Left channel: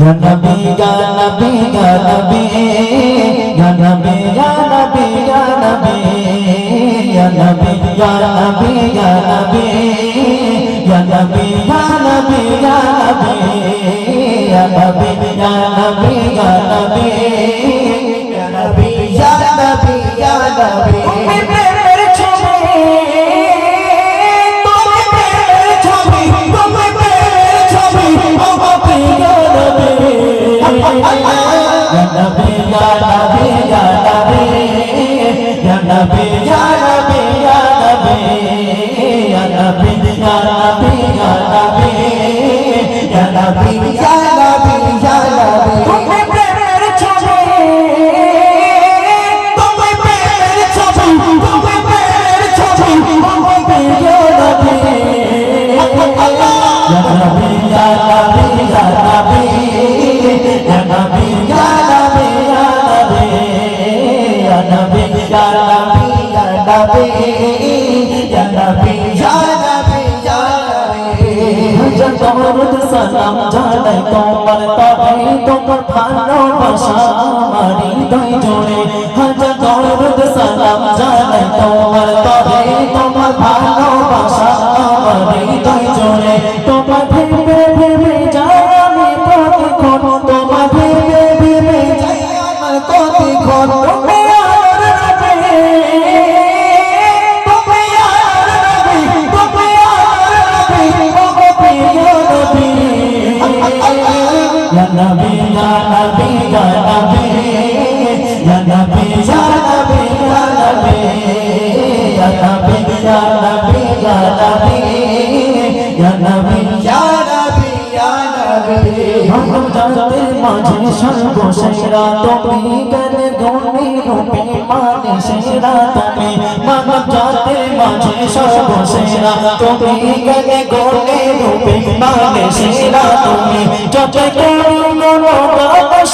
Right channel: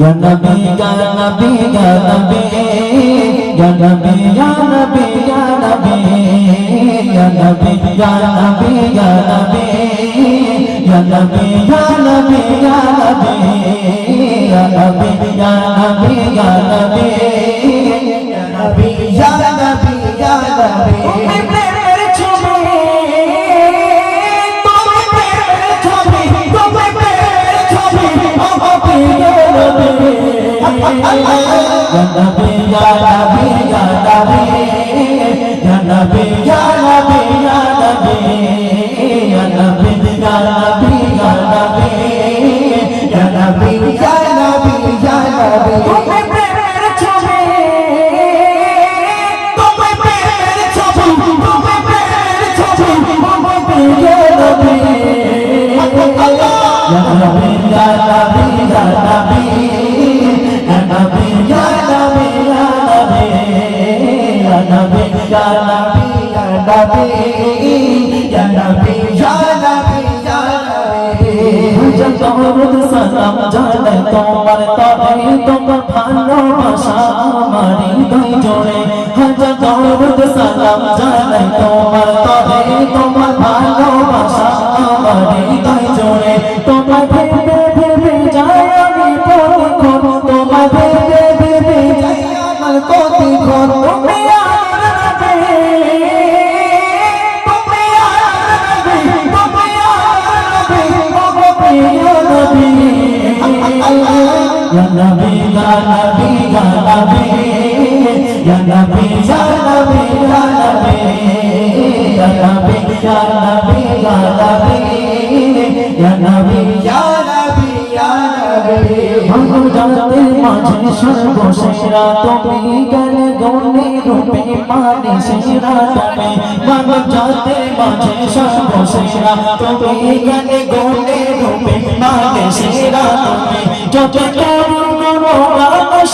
Ya Nabi, Ya Nabi, Ya Nabi, Ya Nabi, Ya Nabi, Ya Nabi, Ya Nabi, Ya Nabi, Ya Nabi, Ya Nabi, Ya Nabi, Ya Nabi, Ya Nabi, Ya Nabi, Ya Nabi, Ya Nabi, Ya Nabi, Ya Nabi. সালাম জানাই তোমার তবে তোমার ভালোবাসা আমার হৃদয় জোড়ে হাজার দরুদ সালাম জানাই তোমার তবে তোমার ভালোবাসা আমার হৃদয় জোড়ে তোমার ভেবে ভেবে যাই আমি প্রতিক্ষণ তোমার ভেবে ভেবে যাই আমার প্রতিক্ষণ Ya Nabi, Ya Nabi, Ya Nabi, Ya Nabi, Ya Nabi, Ya Nabi, Ya Nabi, Ya Nabi, Ya Nabi, Ya Nabi, Ya Nabi, Ya Nabi. Manon jagate majhe sarvashera tumi gane gone rupe mane shera tumi. Manon jagate majhe sarvashera tumi gane gone rupe mane shera tumi. Jagate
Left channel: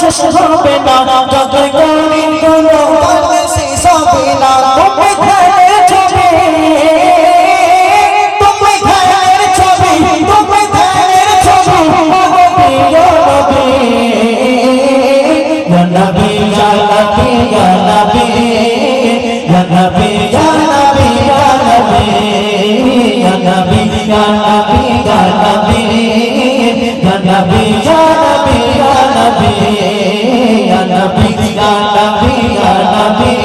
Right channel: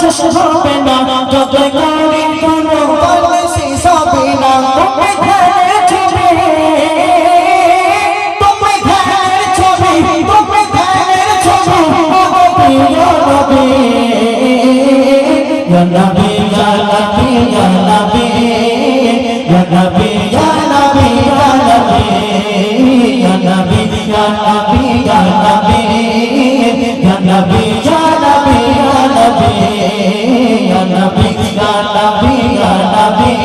শেষ হবে না যত করি কোনো বলে শেষ হবে না তুমি ঘরের ছবি তুমি ঘরের ছবি তুমি ঘরের ছবি প্রিয় নবী ইয়া নবী ইয়া নবী ইয়া নবী ইয়া নবী ইয়া নবী ইয়া নবী ইয়া নবী ইয়া নবী ইয়া নবী ইয়া নবী ইয়া নবী ইয়া নবী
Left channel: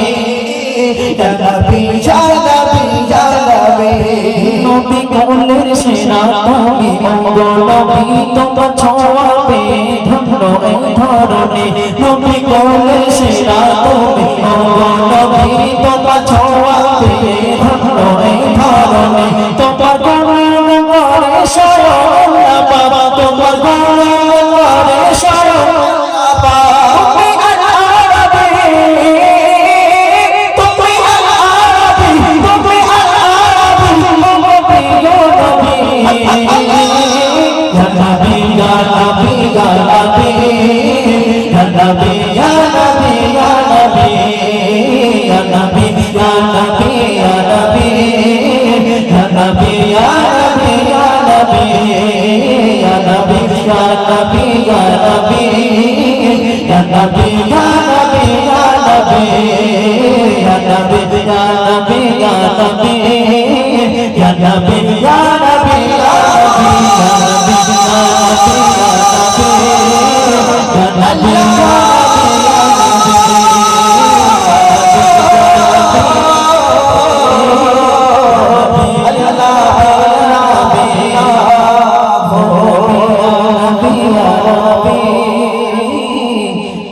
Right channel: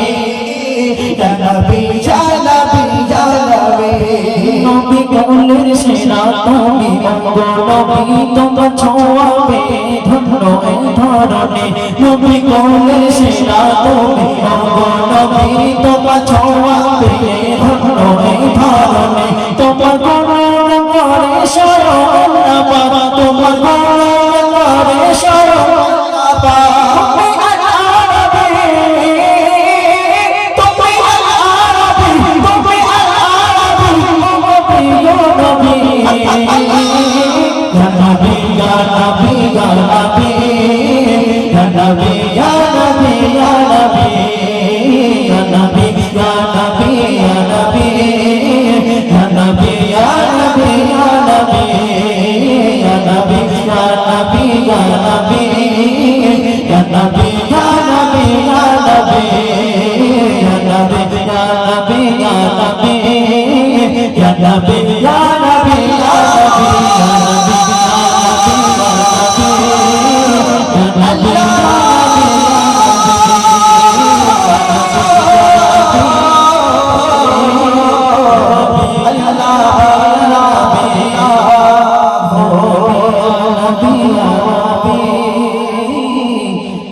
নবী কোলের সেনা তুমি মঙ্গল নবী তোমার ছোঁয়াবে ধন্য এই ধরনে নবী কোলের সেনা তুমি মঙ্গল নবী তোমার ছোঁয়াবে ধন্য এই ধরনে তোমার গুণগানে শরণ না বাবা তোমার গুণগানে শরণ না বাবা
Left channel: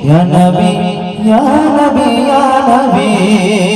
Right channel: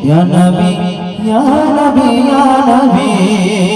Ya Nabi, Ya Nabi, Ya Nabi.